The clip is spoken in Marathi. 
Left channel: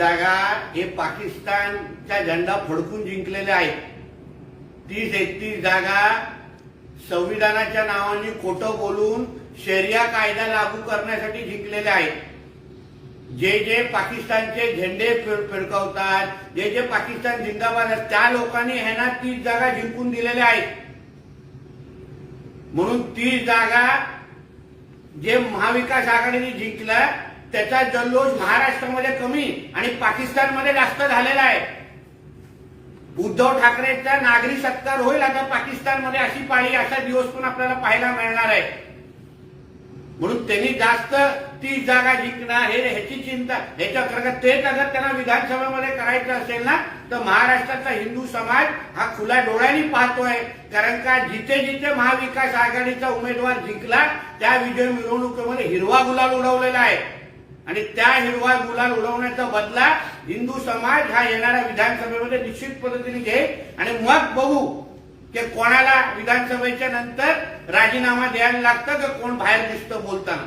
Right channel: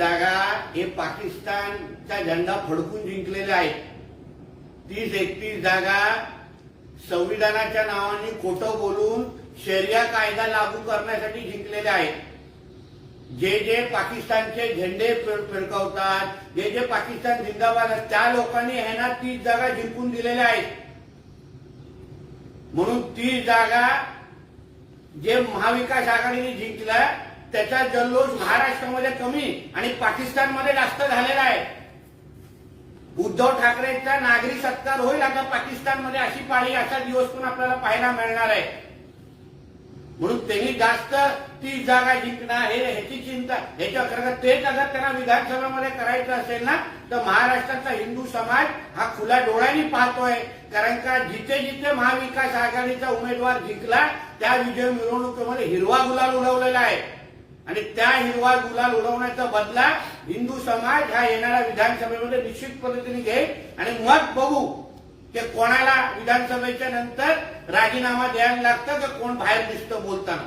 जागा हे पाकिस्तानचा झेंडा फडकून जिंकलेल्या आहेत. तीस एकतीस जागा संविधानाच्या नावाने खोटं बोलून शरिया कायदा लागू करण्यासाठी जिंकलेले आहेत. जे जे पाकिस्तानचे झेंडे फिरकवतात जे जे पाकिस्तान जिंदाबाद त्या लोकांनी ह्यांना तीस जागा जिंकून दिलेल्या आहेत. म्हणून तीस जागा जे महाविकास आघाडीने जिंकल्या त्याचा जल्लोष महाराष्ट्रामध्ये कमी आणि पाकिस्तानमध्ये जास्त झालेला आहे. उद्धव ठाकरेंचा नागरी सत्कार होईल आता पाकिस्तानमध्ये अशी पाळी असा दिवस पण आपल्याला पाहायला मिळणार आहे. म्हणून त्यांनी जास्त ती जागा जिंकणार हे ह्याची चिंता ह्याच्या कारण तेच अगर त्यांना विधानसभेमध्ये करायचं असेल ना तर महाराष्ट्राचा हिंदू समाज हा खुला डोळ्यांनी पाहतोय. कारण का जिथे जिथे महाविकास आघाडीचा उमेदवार जिंकला त्या विजय मिरवणुकीमध्ये हिरवा गुलाल उडवलेला आहे. आणि त्या हिरवा गुलाल उडवण्याचा बदला हिंदू समाज हा येणाऱ्या विधानसभेमध्ये निश्चित पद्धतीने घेईल. आणि मग बघू की कोणाला विधानसभेच्या नंतर राजीनामा द्यायला लागतं का कोण बाहेर दिसतं बोलताना.